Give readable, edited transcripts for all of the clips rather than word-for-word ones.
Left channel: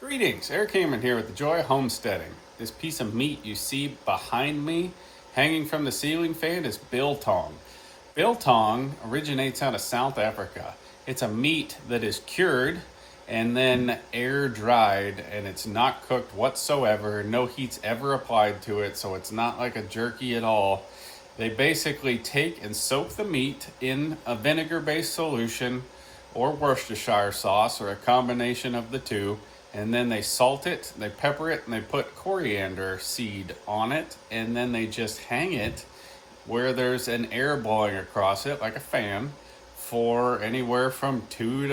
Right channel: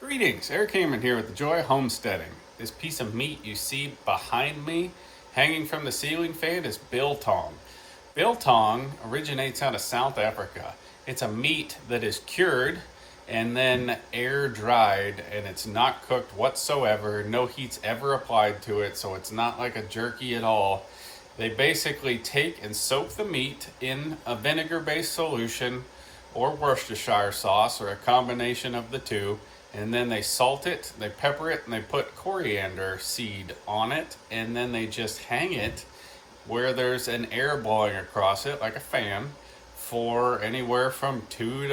Greetings, Eric Hammond here with the Joy of Homesteading. This piece of meat you see behind me hanging from the ceiling fan is biltong. Biltong originates out of South Africa. It's a meat that is cured and then air dried, and it's not cooked whatsoever. No heat's ever applied to it, so it's not like a jerky at all. They basically take and soak the meat in a vinegar-based solution or Worcestershire sauce or a combination of the two, and then they salt it, they pepper it, and they put coriander seed on it, and then they just hang it where there's an air blowing across it like a fan for anywhere from 2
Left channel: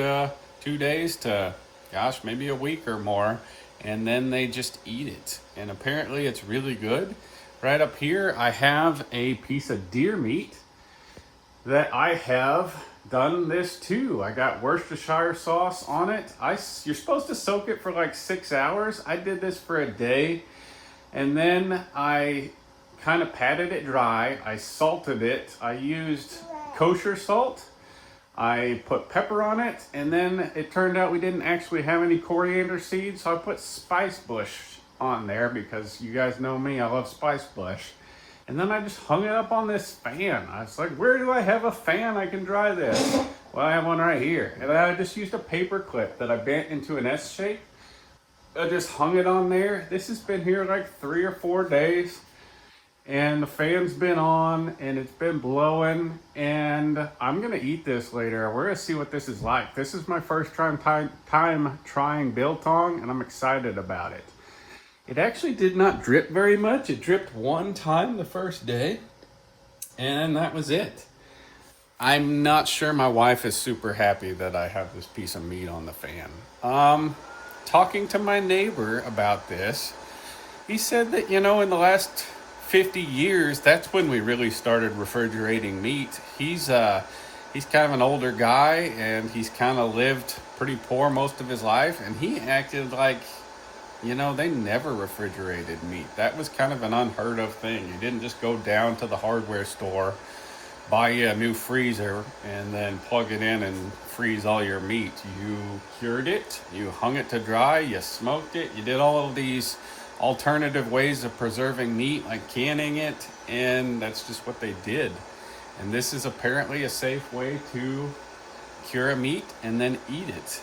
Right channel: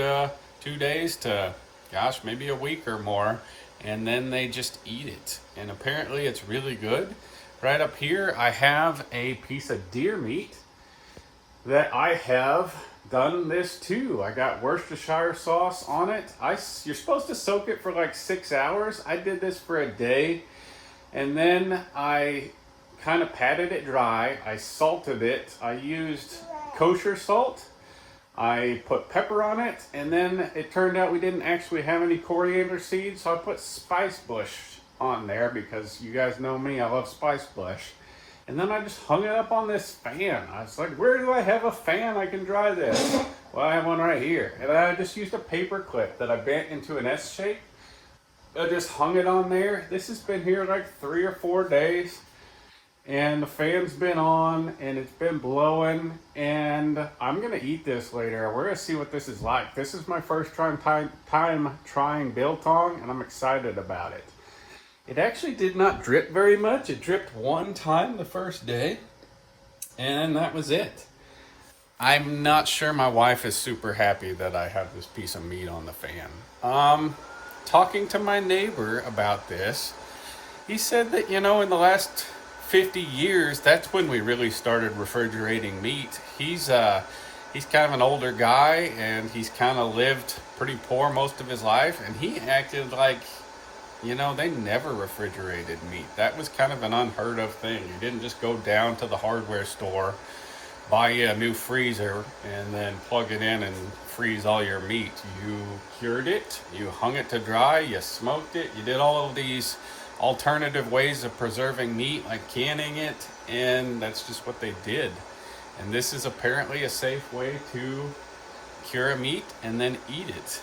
days to, gosh, maybe a week or more, and then they just eat it. And apparently it's really good. Right up here I have a piece of deer meat that I have done this too. I got Worcestershire sauce on it. You're supposed to soak it for like 6 hours. I did this for a day, and then I kind of patted it dry. I salted it. I used kosher salt. I put pepper on it, and then it turned out we didn't actually have any coriander seeds, so I put spice bush on there because you guys know me, I love spice bush. And then I just hung it up on this fan. I was like, where do I have a fan I can dry this? Well, I have one right here. And I just used a paper clip that I bent into an S shape. I just hung it on there. This has been here like 3 or 4 days. And the fan's been on and it's been blowing. And I'm gonna eat this later. We're gonna see what this is like. This is my first time trying biltong, and I'm excited about it. It actually did not drip very much. It dripped one time the first day, and that was it. I'm not sure my wife is super happy that I have this piece of meat on the fan. Talking to my neighbor about this, he said that, in the last 50 years, that's when we really started refrigerating meat. He's kind of an older guy, and he's kind of lived pretty poor most of his life, and he acted like, they never refrigerated meat. That was kind of an unheard of thing. You didn't just go down to the hardware store, buy you a new freezer, and then plug it in and freeze all your meat. You cured it, you hung it to dry, you smoked it, you did all of these alternative ways of preserving meat, like canning it, and that's just what they did. And this is apparently a safe way to cure a meat and then eat it.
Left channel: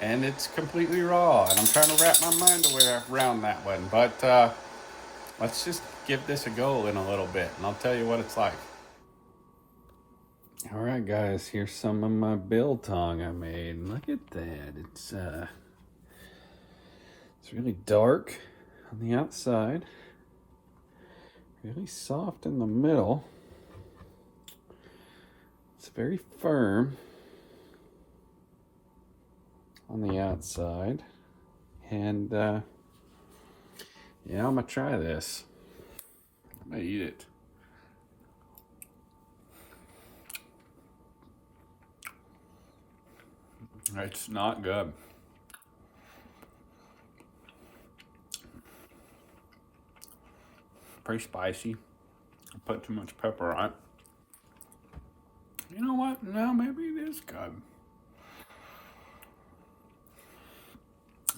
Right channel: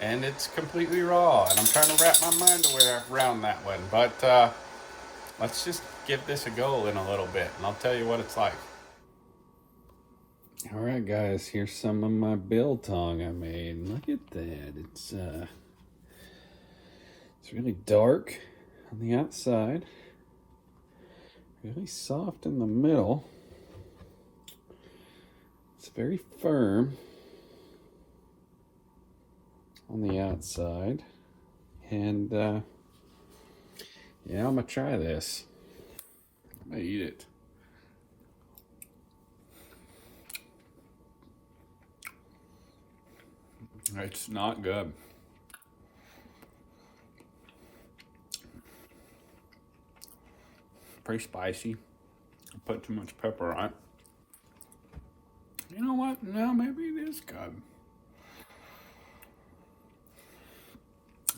And it's completely raw, and I'm trying to wrap my mind around that one, but let's just give this a go in a little bit, and I'll tell you what it's like. All right, guys, here's some of my biltong I made. Look at that. It's really dark on the outside, really soft in the middle. It's very firm on the outside, and yeah, I'm gonna try this. I'm gonna eat it. It's not good. Pretty spicy. I put too much pepper on it. You know what? No, maybe it is good.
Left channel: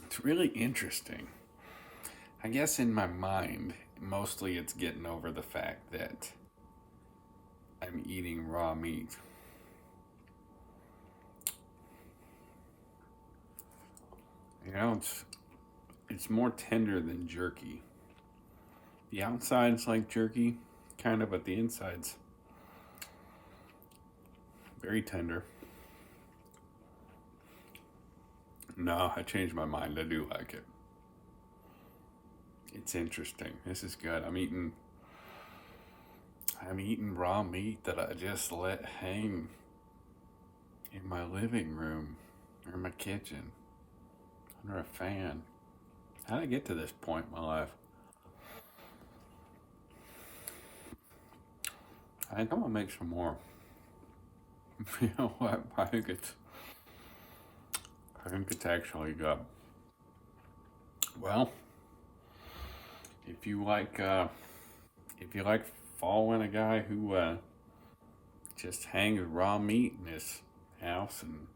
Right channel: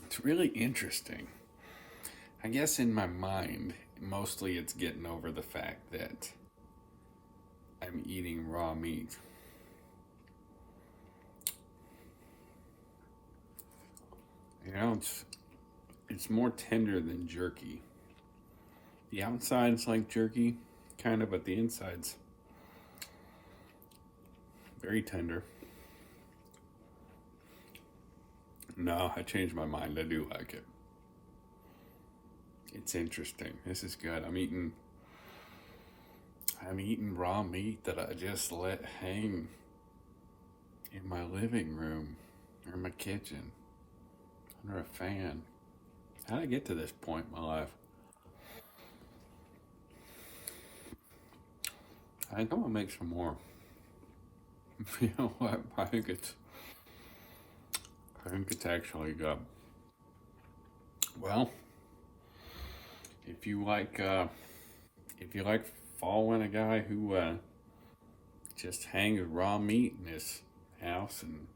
It's really interesting. I guess in my mind, mostly it's getting over the fact that I'm eating raw meat. It's more tender than jerky. The outside's like jerky, kind of, but the inside's very tender. No, I changed my mind. I do like it. It's interesting. This is good. I'm eating raw meat that I just let hang in my living room or my kitchen under a fan. How did I get to this point in my life? I think I'm gonna make some more. You know what? I think it's actually good. Well, if you like following a guy who just hangs raw meat in his house and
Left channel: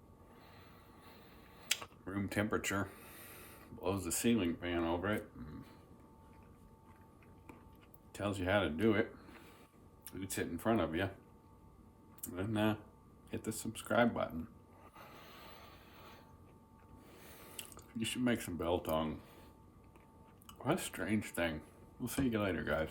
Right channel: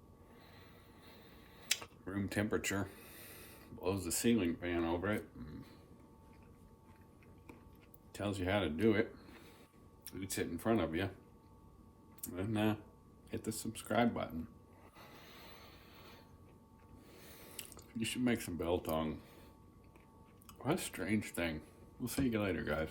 room temperature, blows the ceiling fan over it. Tells you how to do it. It's it in front of you. And hit the subscribe button. You should make some biltong. What a strange thing. We'll see you later, guys.